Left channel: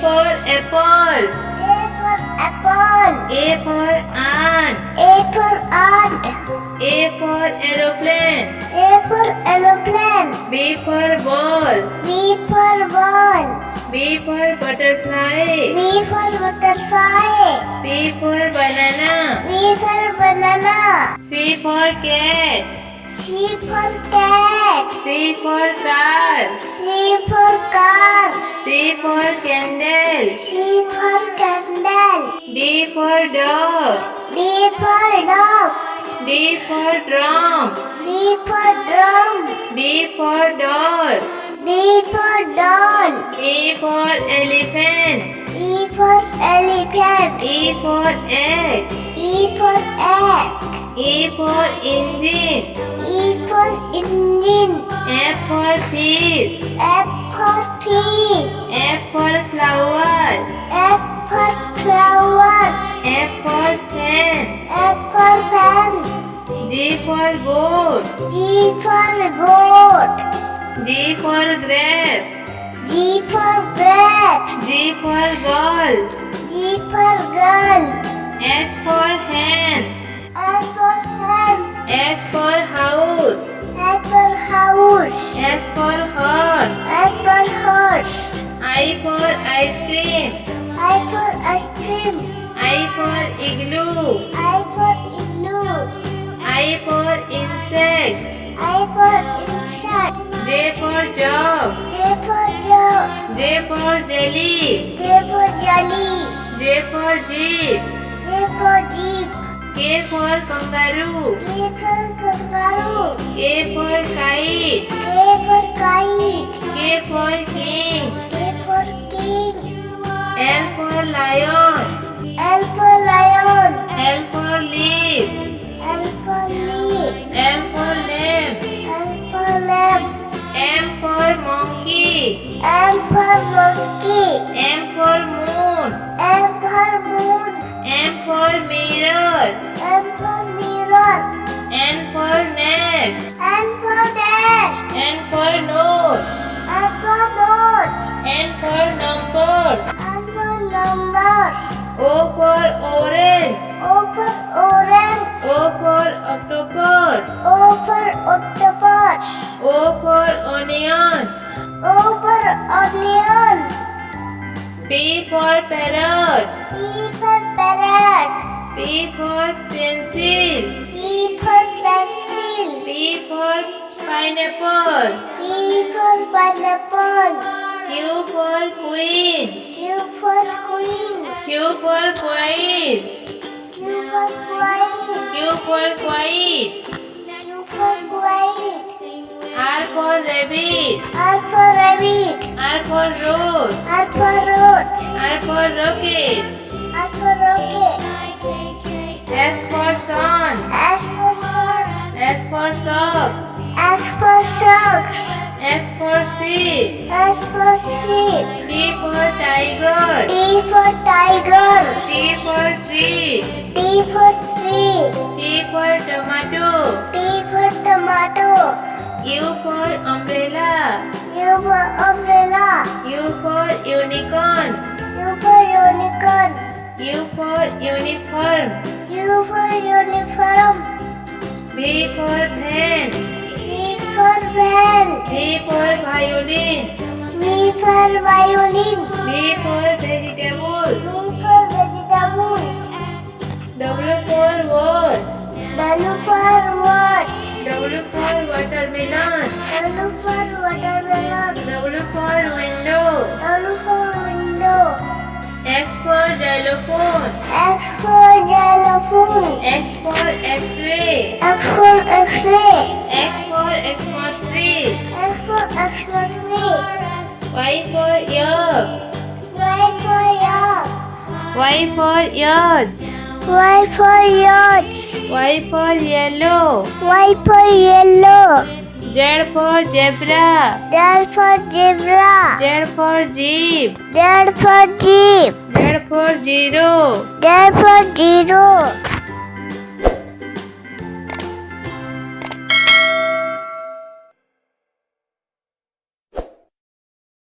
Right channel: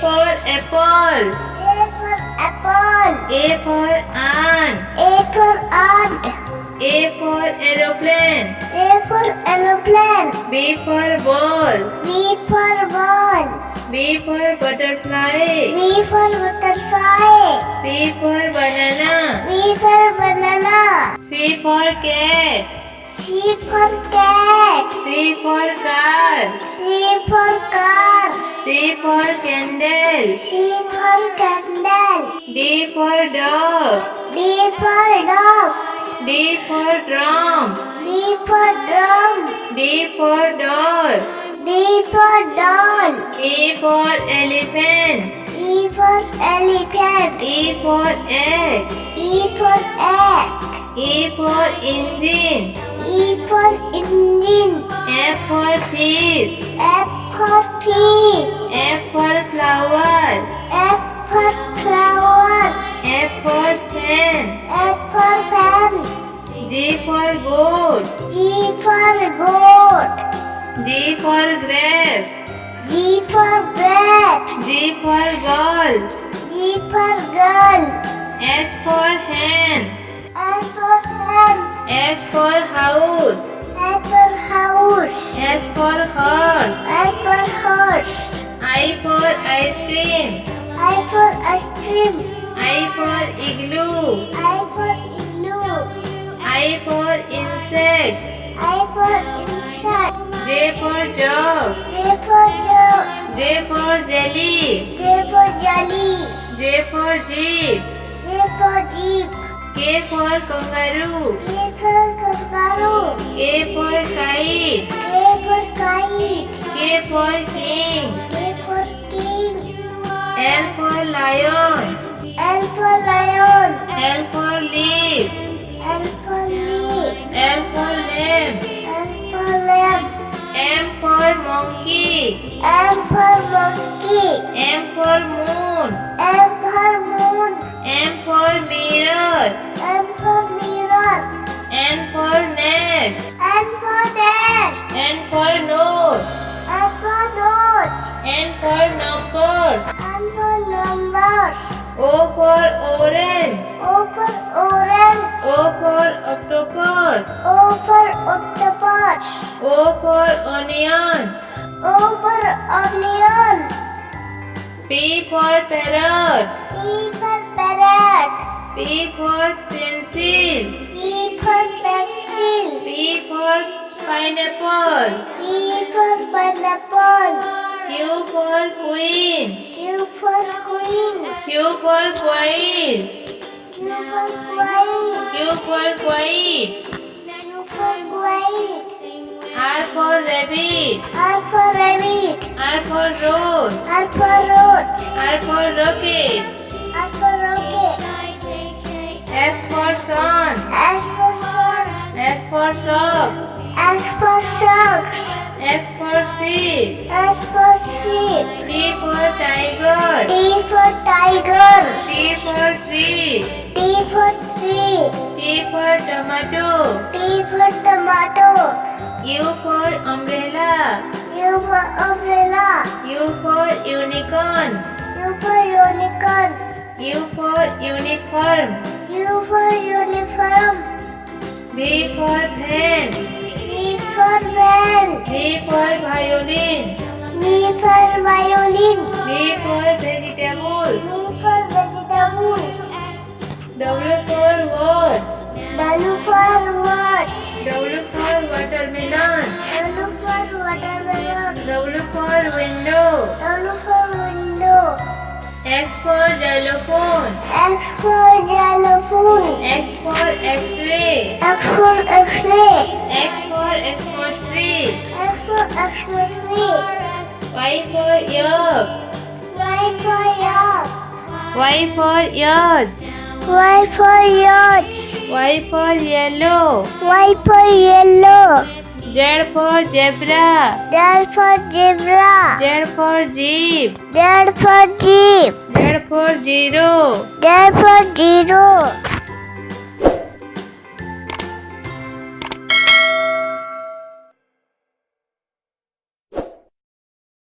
for apple. A for apple. A for ant. A for ant. A for aeroplane. A for aeroplane. B for ball. B for ball. B for butterfly. B for butterfly. B for banana. B for banana. C for cat. C for cat. C for car. C for car. C for candle. C for candle. D for dog. D for dog. D for drum. D for drum. D for doll. D for doll. E for elephant. E for elephant. E for egg. E for egg. E for engine. E for engine. F for fish. F for fish. F for flowers. F for flowers. F for fan. F for fan. G for goat. G for goat. G for grapes. G for grapes. G for girl. G for girl. H for hand. H for hand. H for house. H for house. H for horse. H for horse. I for ice cream. I for ice cream. I for igloo. I for igloo. I for insect. I for insect. J for jug. J for jug. J for jelly. J for jelly. J for jeep. J for jeep. K for kangaroo. K for kangaroo. K for kite. K for kite. K for king. K for king. L for lion. L for lion. L for leaf. L for leaf. L for lamb. L for lamb. M for monkey. M for monkey. M for moon. M for moon. N for mirror. M for mirror. N for nest. N for dash. N for nose. N for nose. N for numbers. N for numbers. O for orange. O for orange. O for octopus. O for octopus. O for onion. O for onion. P for parrot. P for parrot. P for pencil. P for pencil. P for pineapple. P for pineapple. Q for queen. Q for queen. Q for quail. Q for quail. Q for kite. Q for quail. R for rabbit. R for rabbit. R for rose. R for rose. R for rocket. R for rocket. S for sun. S for sun. S for socks. S for socks. S for sheep. S for sheep. T for tiger. T for tiger. T for tree. T for tree. T for tomato. T for tomato. U for umbrella. U for umbrella. U for unicorn. U for unicorn. U for uniform. U for uniform. V for van. V for van. V for violin. V for violin. V for vegetable. V for vegetables. W for watch. W for watch. W for watermelon. W for watermelon. W for window. W for window. X for xylophone. X for xylophone. X for x-ray. X for x-ray. X for Xmas tree. X for Xmas tree. Y for yak. Y for yak. Y for yacht. Y for yacht. Y for yellow. Y for yellow. Z for zebra. Z for zebra. Z for jeep. Z for jeep. Z for zero. Z for zero.